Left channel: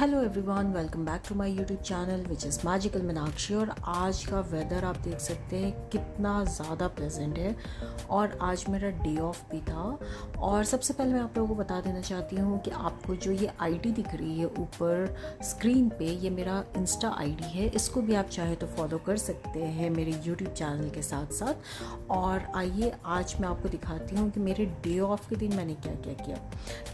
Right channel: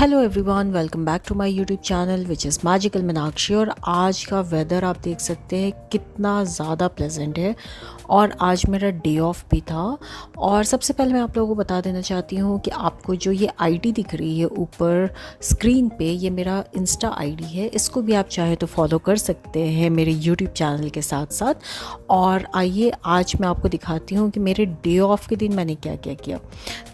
Hello everyone, welcome back to my YouTube channel which is magical Meenakshi. और आज का weather आप देख सकते हैं कितना ज़्यादा प्लेजेंट है। और आज मेरा डे ऑफ भी था। और सबसे पहले मैं आप लोगों को बता देना चाहती हूँ कि आपको जो ये आईडी दिख रही है ऊपर स्क्रीन पे, ये मेरा इंस्टा आईडी है। इसको भी आप चाहे तो फॉलो कर सकते हैं मेरे यूट्यूब चैनल के साथ साथ। और आइए आज मैं आपको दिखाती हूँ कि मेरे डे ऑफ के दिन मैंने क्या क्या किया।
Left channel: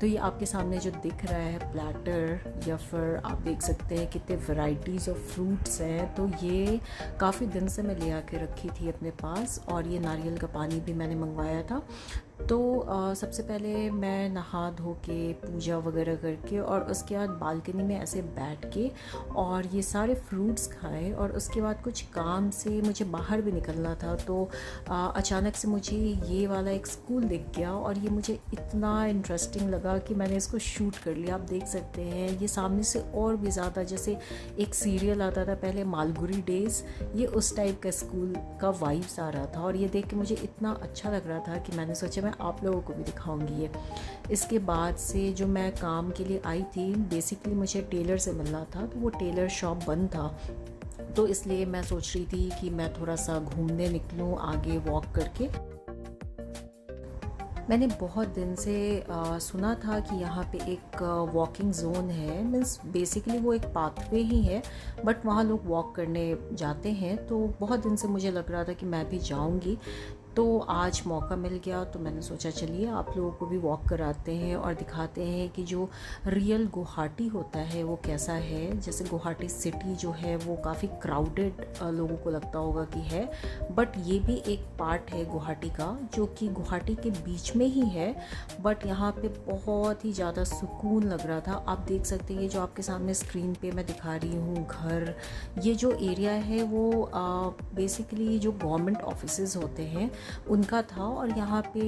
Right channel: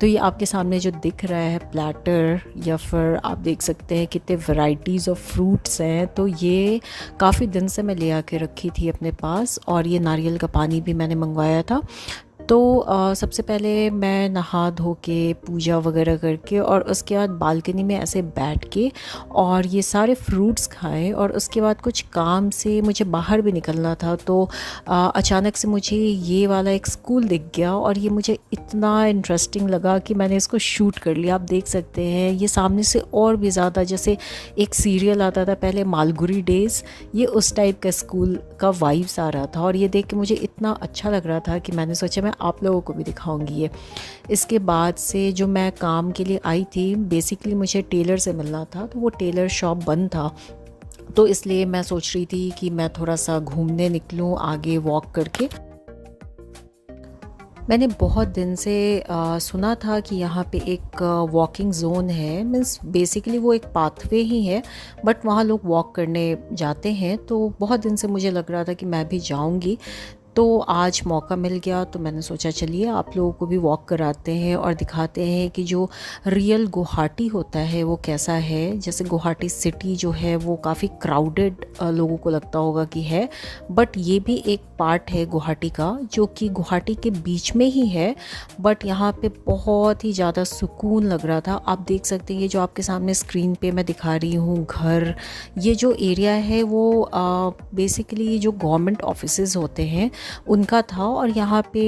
तो ये आपके सामने जो दिख रहा है प्लेटर, या फिर आप देख सकते हैं कितने वैरायटीज़ ऑफ फ्रूट्स हैं। तो ये काफ़ी दिन से मैं ले आके रखी थी अपने पास। और ये नारियल का पानी भी मैंने मंगवाया था। तो सबसे पहले मैं नहा धो के पूजा वगैरह करके और उसके बाद बालकनी में ऐसे बैठ के और ये सारे फ्रूट्स खाए। और उसके बाद कुछ काम से मुझे बाहर भी निकलना था। तो अचानक से मुझे ये वाला एक स्कूल दिख गया और ये मुझे इतना इंटरेस्टिंग लगा कि मैंने इसको शूट कर लिया। आप देख सकते हैं ये सामने से और भी ज़्यादा, जैसे एक सीरियल आता था पहले मालगुडी डेज़, ये उस टाइप का स्कूल का वाइब्स आ रहा था। और ये देख के मुझे इतना अच्छा लग रहा था कि मैंने सोचा मैं आप लोगों को भी दिखाऊंगी ये। इसके बाद से जो मैं काम के लिए आई थी, बेसिकली मुझे टेलर से मिलना था। तो वो टेलर शॉप बंद था, तो इसलिए मैं सोच रही थी कि मैं थोड़ा सा घूमने निकलूं आगे वॉक करके। मैंने बहुत दिन से सुना था कि यहाँ पे एक वॉकिंग ज़ोन है। मीन्स बेसिकली वो एक पाथवे ही है, बट वहाँ लोग वॉक करने जाते हैं। तो बहुत दिन से मुझे लग रहा था कि मैं भी जाऊँगी। तो आज मौका मिल गया, तो मैंने सोचा चलिए आप लोगों को भी वॉक कराते हैं और दिखाते हैं कि जो रियल गुवाहाटी होता है वो कैसा है। जैसे गुवाहाटी सिटी जो है वो काफ़ी क्राउडेड लोगों को लगता होगा कि है, बट ये भी एक पार्ट है गुवाहाटी का जो कि गुवाहाटी के बीच में ही है। बट यहाँ पे बहुत ही ज़्यादा सुकून लग रहा था। आप देख सकते हैं ये जो आपके सामने स्क्रीन पे मैं दिखा रही हूँ घर, ये जो एरिया है वो बेसिकली जो गवर्नमेंट ऑफिसेज़ होते हैं उनका था। और यहाँ पे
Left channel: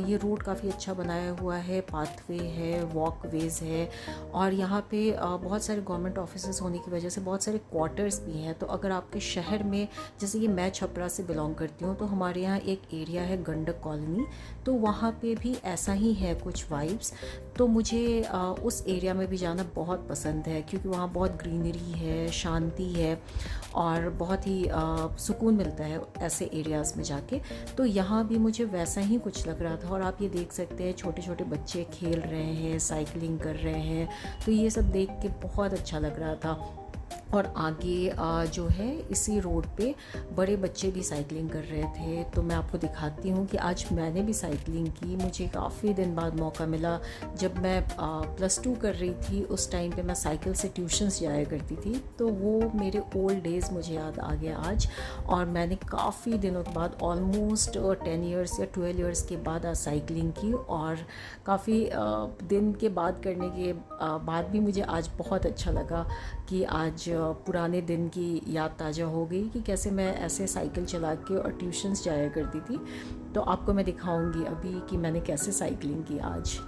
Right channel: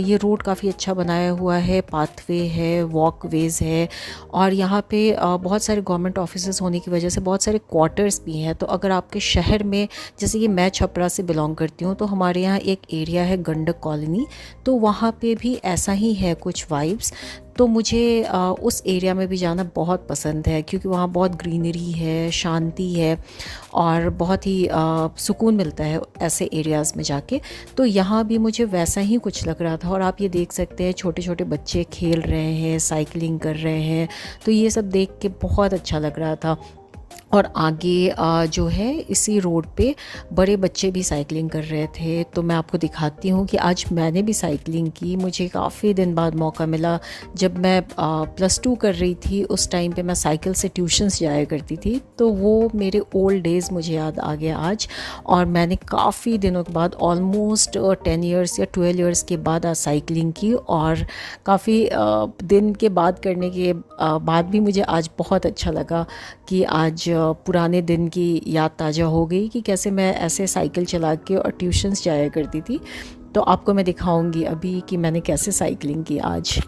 ये रोड काफ़ी अच्छा बनाया हुआ है, पाथवे है, वॉकवेज है। और यहाँ पे बहुत सारे गवर्नमेंट ऑफिसेज होने की वजह से बहुत सारे क्वार्टर्स भी हैं। तो अगर आपके शहर में, जैसे कि मैं छपरा से बिलोंग करती हूँ, तो हमारे यहाँ एक एरिया है गंडक कॉलोनी, तो वहाँ पे भी ऐसा ही है कुछ वाइब्स। तो मुझे उस एरिया में भी जाना बहुत पसंद है क्योंकि वहाँ बहुत ग्रीनरी है, शांति है और बहुत ही सुकून मिलता है ऐसे एरियाज़ में जाके। तो यहाँ भी मुझे वैसा ही कुछ लग रहा था। और आप ये देख सकते हैं छोटे छोटे बच्चे खेल रहे हैं, साइकिलिंग कर रहे हैं। तो ये सब देख के बहुत अच्छा लग रहा था। और आगे जो है इसी रोड पे बड़े बच्चे भी साइकिलिंग कर रहे थे। तो मैं आपको दिखाती हूँ कि आज मैंने भी साइकिलिंग की। मुझे काफ़ी दिन बाद मौका मिला। जब मैं +2 कर रही थी उस टाइम पे मैं साइकिल से ट्यूशन्स जाया करती थी। तो वो मेरे ओल्ड डेज़ मुझे याद आ गया आज। और मैंने काफ़ी दिनों के बाद, ऑलमोस्ट 10 ईयर्स या 12 ईयर्स के बाद आज साइकिलिंग की। और काफ़ी दिन के बाद करने के बाद भी मुझे आज बहुत अच्छा लगा कि आज पुराने दिन की याद ताज़ा हो गई कि कैसे मैं ऐसे साइकिल चला के और ट्यूशन्स जाया करती थी। तो आपको मैं दिखाऊंगी अभी कि मैंने कैसे साइकिलिंग की आज।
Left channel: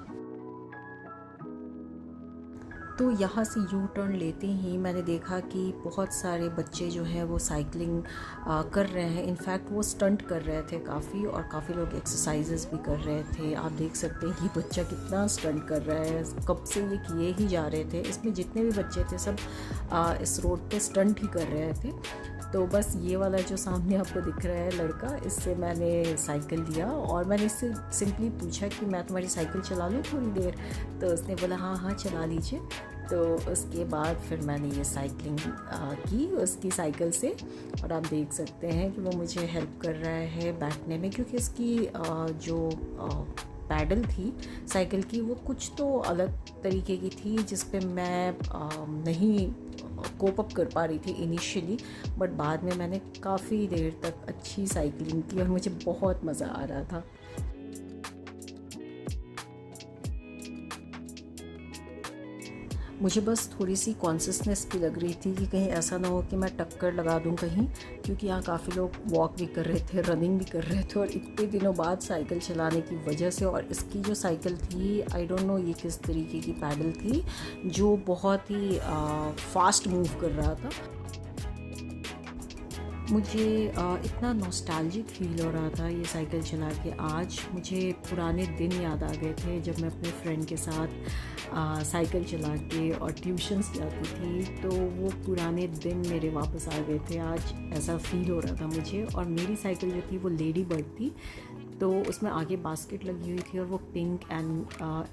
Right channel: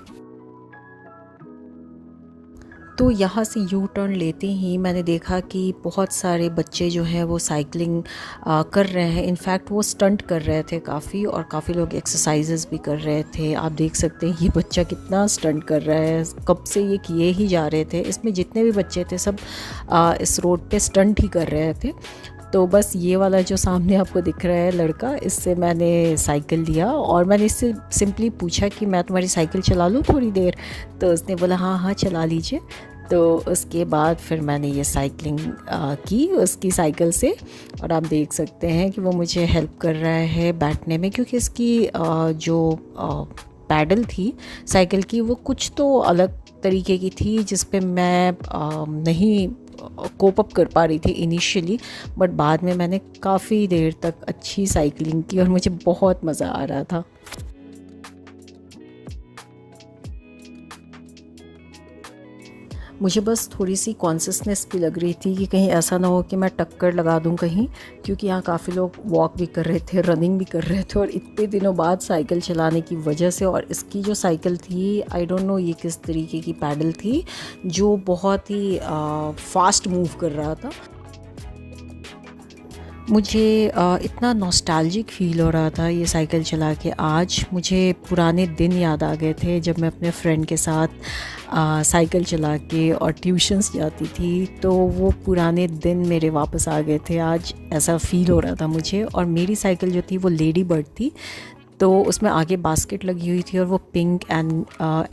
तो यहाँ से यू टर्न लेते ही मैंने देखा कि बहुत सारे बच्चे जो हैं वो साइकिलिंग कर रहे हैं। इनफैक्ट वो स्टंट कर रहे थे काफ़ी, और काफ़ी लोग एक्सरसाइजेस भी कर रहे थे। आप देख सकते हैं ये बच्चा कितना स्टंट कर रहा है, कब से ये किए ही जा रहे थे। इसमें जितने भी बच्चे थे सब इस रोड पे स्टंट ही कर रहे थे। तो बस ये वाला जो सामने आपको दिख रहा है लड़का, इससे मैंने साइकिल लिया और मैंने इससे सिंपली पूछा कि मैं तुम्हारी साइकिल चला लूँ थोड़ी देर। तो उसने बोला हाँ हाँ चला लीजिए। तो उसके बाद फिर मैंने ये साइकिलिंग की उसकी साइकिल से। और आप देख सकते हैं कि वो मुझे हेल्प कर रहा है बैठने में, क्योंकि इसकी जो पैडल थी साइकिल की वो कुछ तो अलग तरीके की थी जिस पे मैं नहीं कोप अप कर पा रही थी इनिशियली। बट बाद में मैंने काफ़ी देर तक अच्छी साइकिलिंग की और मुझे बहुत मज़ा आ रहा था। मुझे बस थोड़ी सी कॉन्शियसनेस भी लग रही थी कि कहीं ऐसा ना हो कि मैं टक्कर लगा दूं कहीं, क्योंकि यहाँ काफ़ी लोग वॉक भी कर रहे थे, रनिंग भी कर रहे थे। और इतने दिनों बाद साइकिल चलाने की वजह से, और इसकी जो साइकिल थी आई डोंट नो ये किस तरीके की पैडल थी जो बहुत ही फास्ट मूव कर रहा था। मुझे इतना नॉस्टैल्जिक फ़ील हो रहा था ये साइकिल चला के। आज मुझे पुराने दिन याद आ गए थे जब मैं अपने फ्रेंड के साथ साइकिल चला के और ट्यूशन्स जाती थी, तो वो पुराने दिन मेरे वापस आ गए थे। आज ऐसा फ़ील हो रहा था मुझे। और मेरी साइकिल जो थी वो लेडी बर्ड थी, तो उसमें आगे बास्केट लगी हुई थी और वो pink and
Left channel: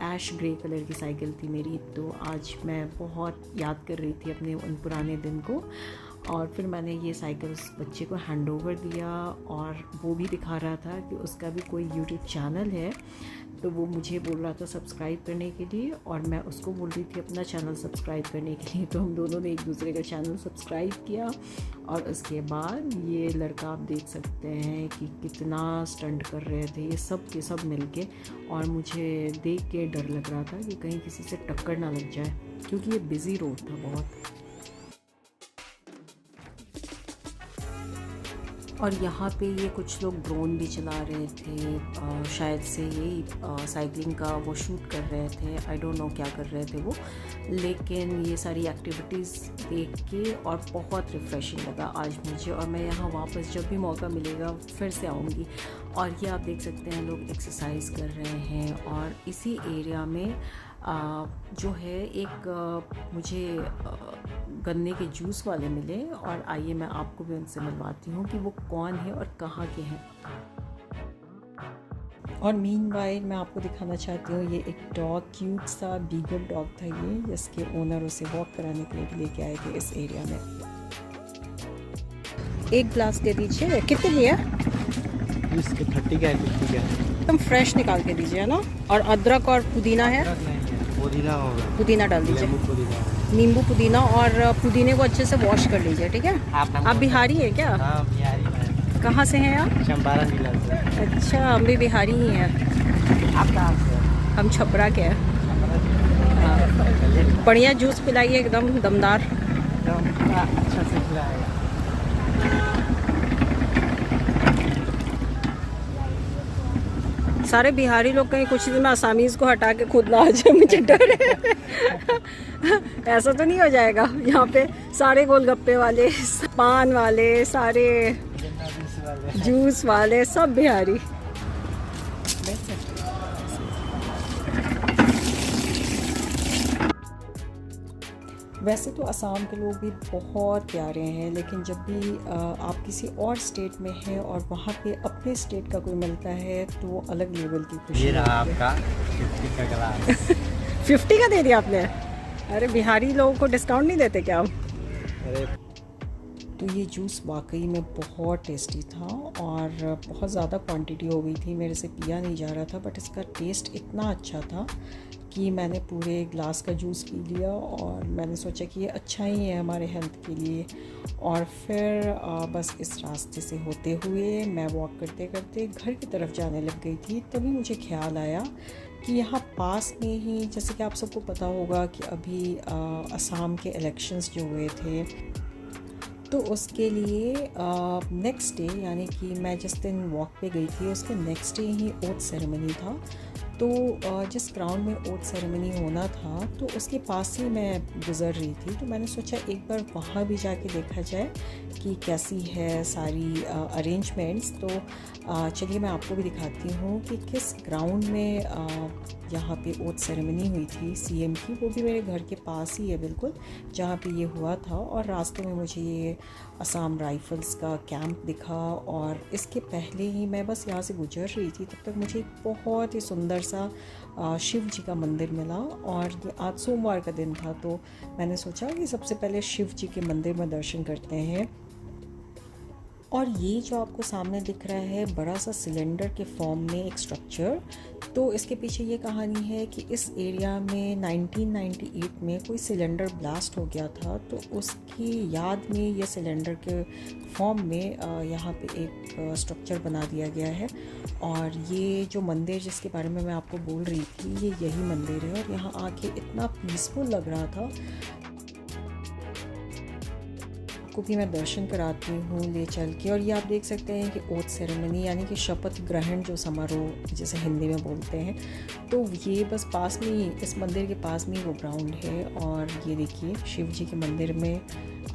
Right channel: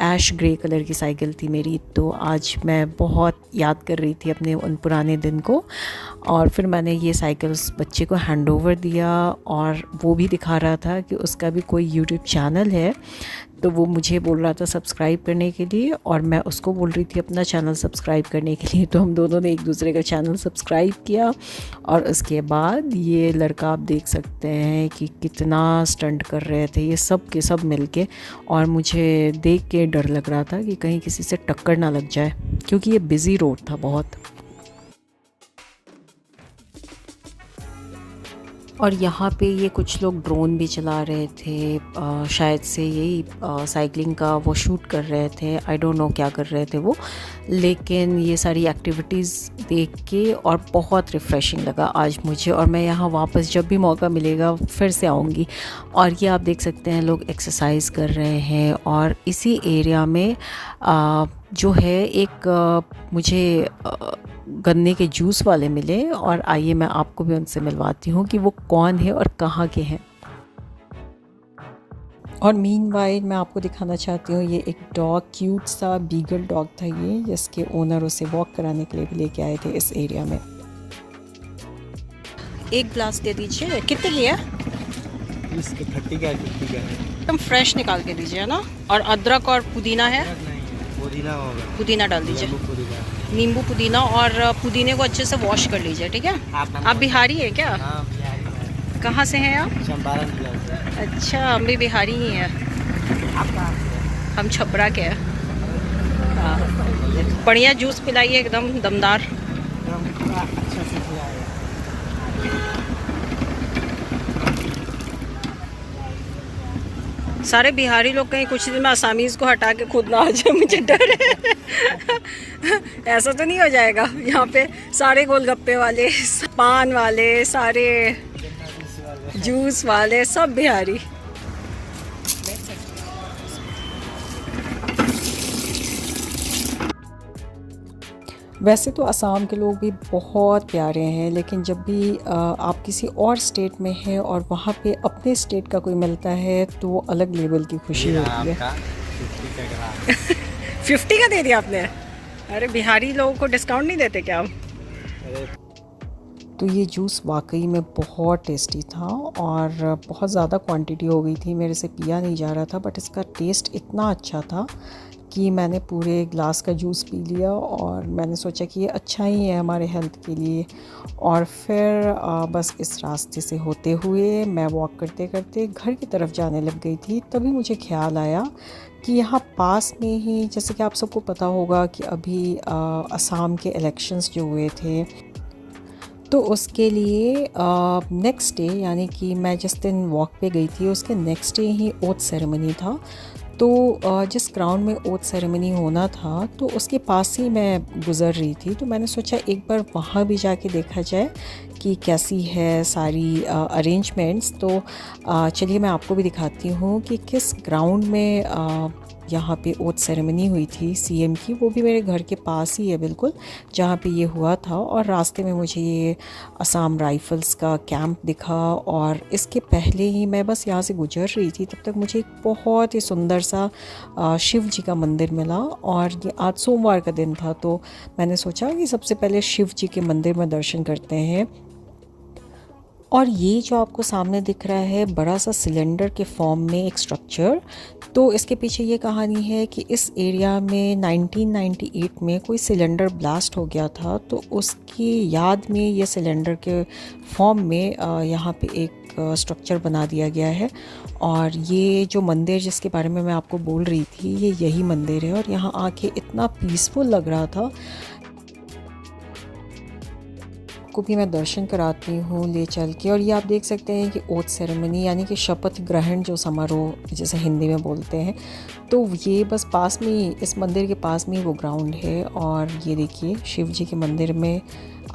ash grey colour की साइकिल थी मेरी। तो आज मैं बहुत याद कर रही थी अपने उन पुराने दिन को। और फिर मैंने ये साइकिल उस बच्चे को हैंड ओवर दिया, और वो भी दिखा रहा था कि उसका भी कोई यूट्यूब चैनल है। तो वो मुझे बोल रहा था सब्सक्राइब करने के लिए, और मैं उसको बोल रही थी अपना चैनल सब्सक्राइब करने के लिए। तो हम दोनों ने एक दूसरे का चैनल सब्सक्राइब किया। और उसके बाद ये लड़का आप देख सकते हैं कि कितना स्टंट कर रहे थे ये सब के सब मिलके। और मुझे देख के डर लग रहा था कि कहीं किसी से टक्कर ना लग जाए, क्योंकि ये बिज़ी रोड था बहुत। और यहाँ पे ये कुछ लोग ड्रोन भी चला रहे थे, शायद से यही साइकिलिंग का वो शूट कर रहे थे। आई डोंट नो क्या कर रहे थे वो, लेकिन ये सारी एक्टिविटीज़ देख के और बहुत रिफ़्रेशिंग लगा आज मुझे। और मैं यहाँ वापस जब भी मौका मिलेगा फिर से आऊँगी। और ये आप देख सकते हैं लोग एक्सरसाइज कर रहे हैं। और इसी एरिया में जो है एक मुझे गन्ने के जूस वाले मिले, और आइए मैं आपको भी उनसे मिलवाती हूँ कि वो कौन है और कहाँ के हैं। और मीनवाइल मैं आपको दिखाना चाहती हूँ, ये एक डॉग, क्यूट सा बीगल डॉग था ये, जिसके ओनर उसे वॉक कराने के लिए भी लेके आए थे इस एरिया में। एक ग्लास दे दीजिए। कितने लिया? इसके 30 का है, 50 का है। एकदम फ्रेश निकाल के दीजिए ना। और अदरक और पुदीना है? पुदीना होगा, पुदीना डाल दीजिए, नींबू पुदीना। और पुदीने को अच्छे से वॉश कर लीजिए, ठीक है? आप बिहारी हैं क्या? हाँ, बिहारी है। कहाँ से हैं आप? चंपारण जिला से। अच्छा, हम भी बिहारी ही हैं। आप कहाँ से हैं? हम छपरा के हैं। हाँ, बढ़िया जूस पिलाइए, एकदम दमदार। एकदम पूरा अच्छा से खिलाएगा। सारे बिहारी लोग कहीं कुछ दिन में असामीज़ को हटा के खुद ना आ जाए, मुझे डर है। ऐसा तो नहीं हो जाएगा? यहाँ पे सारे गोलगप्पे वाले, पान वाले, सारे जूस वाले, सब बिहारी। वैसे तो असम के लोग भी बहुत प्यारे हैं, लेकिन जब भी आप किसी और स्टेट में हैं और वहाँ पे अपने स्टेट का कोई मिलता है तो वो अलग लेवल की खुशी होती है। आपका 50 का ग्लास। 50 का दे दिया आपने? अरे बिहारी लोगों को डिस्काउंट नहीं देते क्या आप? अरे तो ये जूस वाकई में बहुत टेस्टी था, और बहुत ज़्यादा क्वांटिटी हो गई थी, मेरे से पिया नहीं जा रहा था। बट इसका टेस्ट इतना अच्छा था कि मैंने पूरे ग्लास का जूस पी लिया, और मैंने सोचा कि ये अच्छा ही है हमारे हेल्थ के लिए। और फिर बस इस रास्ते से होते हुए मैं वॉक करते करते घर की तरफ जाने लग गई थी। तभी मुझे ख्याल आया कि यहाँ पास में ही, जैसे कि आप सबको पता होगा कि अभी असम के इलेक्शंस जो हुए थे, तो उसके लिए नेक्स्ट डे, यानी कि मैं जिस दिन वॉक पे गई थी उसके नेक्स्ट डे ही ओथ सेरेमनी था। तो जिस ग्राउंड में ओथ सेरेमनी होना था तो उसके पास ही मैं गुज़र रही थी। तो मैंने सोचा एक बार वहाँ भी जाके देखा जाए कि कैसी है सारी अरेंजमेंट्स। तो चलिए मैं आपको भी दिखाती हूँ कि किस ग्राउंड में यहाँ पे ओथ सेरेमनी हुई थी सीएम की। वो भी मेरे घर के पास ही है बिल्कुल, जहाँ पे ये हुआ था। और रास्ते में मुझे ये असम राइफ़ल्स का कैंप दिखा, और इसके पहले ही मैं बस यहाँ से गुजर रही थी तब तक मुझे एक बहुत ही सुंदर सा शिव जी का मंदिर मिला। और ये आज सोमवार का दिन था, तो मैंने सोचा कि सबसे पहले शिव जी के मंदिर में दर्शन करते हैं। और ये जो आपको सामने दिख रहा है बड़ा सा सिलेंडर के फॉर्म में एक स्ट्रक्चर, तो इसके पीछे ये कहानी है कि इस एरिया में 1998 में कोई सिलेंडर ब्लास्ट हो गया था। तो उसकी याद में ये सिलेंडर के फॉर्म में यहाँ पे एक स्ट्रक्चर बना दिया गया है। और ये जो मंदिर जिसके बारे में मैं आपको बोल रही थी, ये यही मंदिर है। और यहाँ आके इतना पीसफुल लग रहा था। को भी मैं दर्शन कराती हूँ ले चल के। और ये आप देख सकते हैं कि ओथ सेरेमनी, यानी कि शपथ ग्रहण जो समारोह जिसे हिंदी में बोलते हैं, तो ये बस पास में ही, इस मंदिर के पास में ही वो ग्राउंड है। और ये देखिए शिव जी के मंदिर में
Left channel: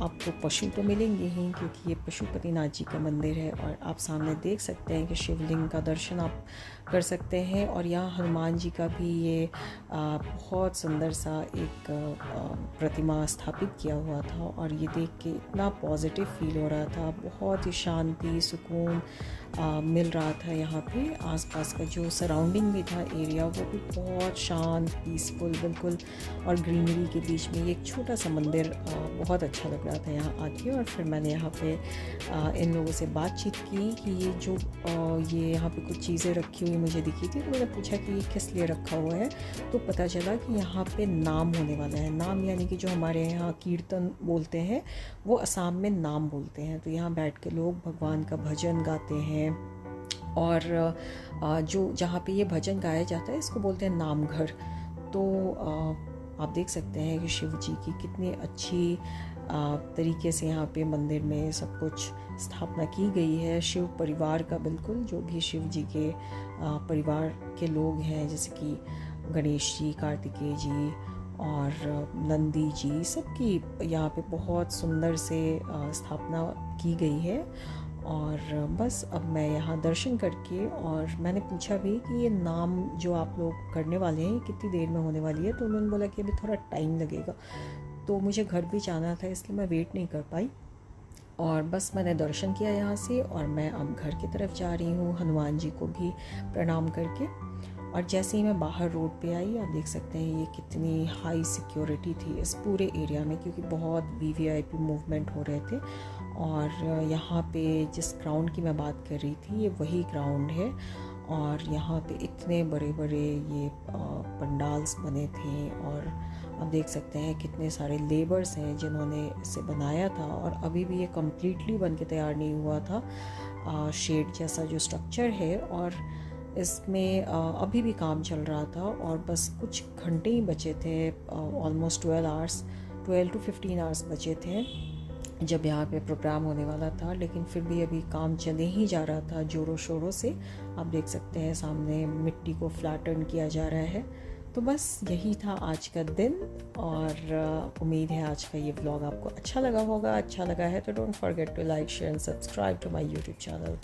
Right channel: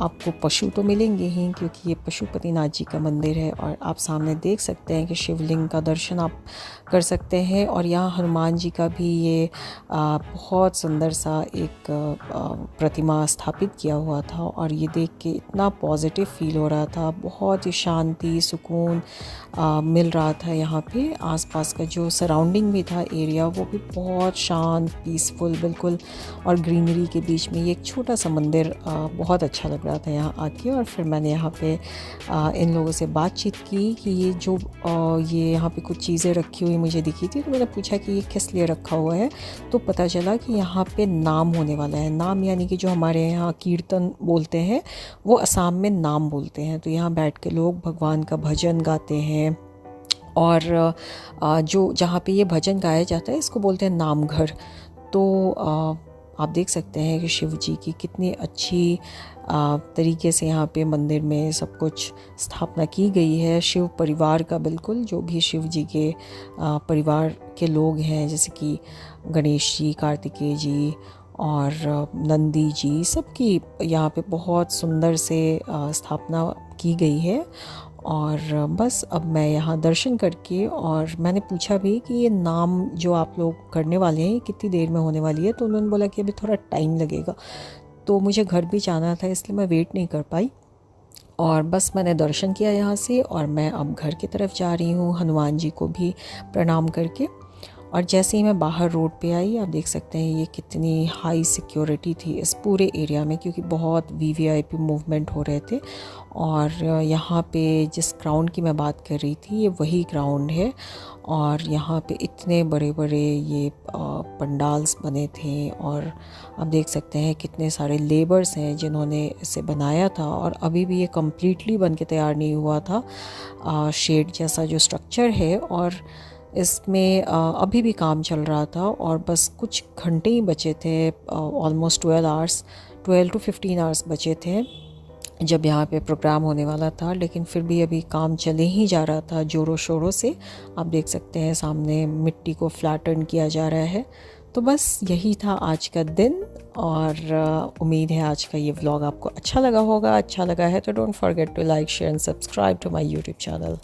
आपको पशु तो मिलेंगे ही, क्योंकि ये पशुपतिनाथ जी का मंदिर है। और आप सामने देख सकते हैं कि शिवलिंग का दर्शन आप कर सकते हैं। और यहाँ हनुमान जी का भी ये बहुत सुंदर सा एक प्रतिमा स्थापित किया हुआ था। और ये देख के इतना पॉजिटिव फील हो रहा था, बहुत ही शांति सुकून मिल रहा था। यहाँ पे आसपास का जो सराउंडिंग भी था एरिया, वो भी बहुत शांत पीसफुल बिल्कुल। और ग्रीनरी के बीच में ये एक छोटा सा मंदिर बहुत अच्छा लग रहा था यहाँ आके। और फिर मैंने यहाँ पे इन लोगों से बातचीत की कि ये जो ये यहाँ पे कुछ चीज़ें रखी हुई मुझे दिखी थी, तो मैंने पूछा कि ये किस लिए रखा हुआ है। तो पता चला कि यहाँ पे नाम होने वाला है। नाम यानी कि जो हमारे यहाँ कीर्तन बोलते हैं, वो असम में नाम बोलते हैं। तो यहाँ बैठ के लोग भगवान का भजन गाते हैं। और जो जहाँ पे ये भजन गाया जाता है, इसको बोलते हैं नाम घर। तो आप देख सकते हैं कि शिव जी की कितनी अच्छी तरीके से यहाँ पे मंदिर में सब कुछ स्थापना की गई है। शिव परिवार का बिल्कुल, जो भी शिव जी के परिवार के लोग हैं, जैसे कि गणेश जी, कार्तिकेय जी और नंदी जी, सबकी यहाँ पे बहुत सुंदर से स्थापना की गई है। और बस अब मैं यहाँ दर्शन करके, और मैंने पूछा भी कि ये नाम जो आप लोग करने वाले हैं कितनी देर में होने वाली है। तो उन्होंने बोला कि अभी थोड़ा टाइम लगेगा। तो मुझे घर भी जाना था, इसलिए मैं वेट नहीं कर पाई। और बस मैंने दर्शन किया यहाँ से, और मैं अब घर की तरफ जा रही हूँ, हनुमान जी को भी प्रणाम करके। और जैसे ही मैं बाहर रोड पे आई, आप देख सकते हैं ये कितनी हाई सिक्योरिटी थी इस पूरे एरिया में, क्योंकि बहुत वीवीआईपी मूवमेंट हो रहे थे। और यहाँ पे जिस ग्राउंड की मैं बात कर रही थी, ये वही ग्राउंड है। और यहाँ पे इतने बड़े बड़े ये पंडाल्स बने थे। और आप देख सकते हैं कितने सारे लेबर्स हैं जिन्होंने इसे बनाया था। और अभी भी ये कम्प्लीटली बन के तैयार नहीं हुआ था। शेड जैसा जो स्ट्रक्चर है, और इसमें अभी भी काम चल रहा था। और बस कुछ घंटे ही बचे थे, ऑलमोस्ट 12 to 15 आवर्स बचे थे जब यहाँ पे प्रोग्राम होने वाला था। लेकिन फिर भी अभी काम चले ही जा रहा था ज़ोरों शोरों से। आप देख सकते हैं सामने मिट्टी को फ्लैटन किया जा रहा है। तो बस यही था आज का दिन। और उम्मीद है आज का ये व्लॉग आपको अच्छा लगा होगा। अच्छा लगा है तो don't forget to like, share and subscribe to my YouTube channel.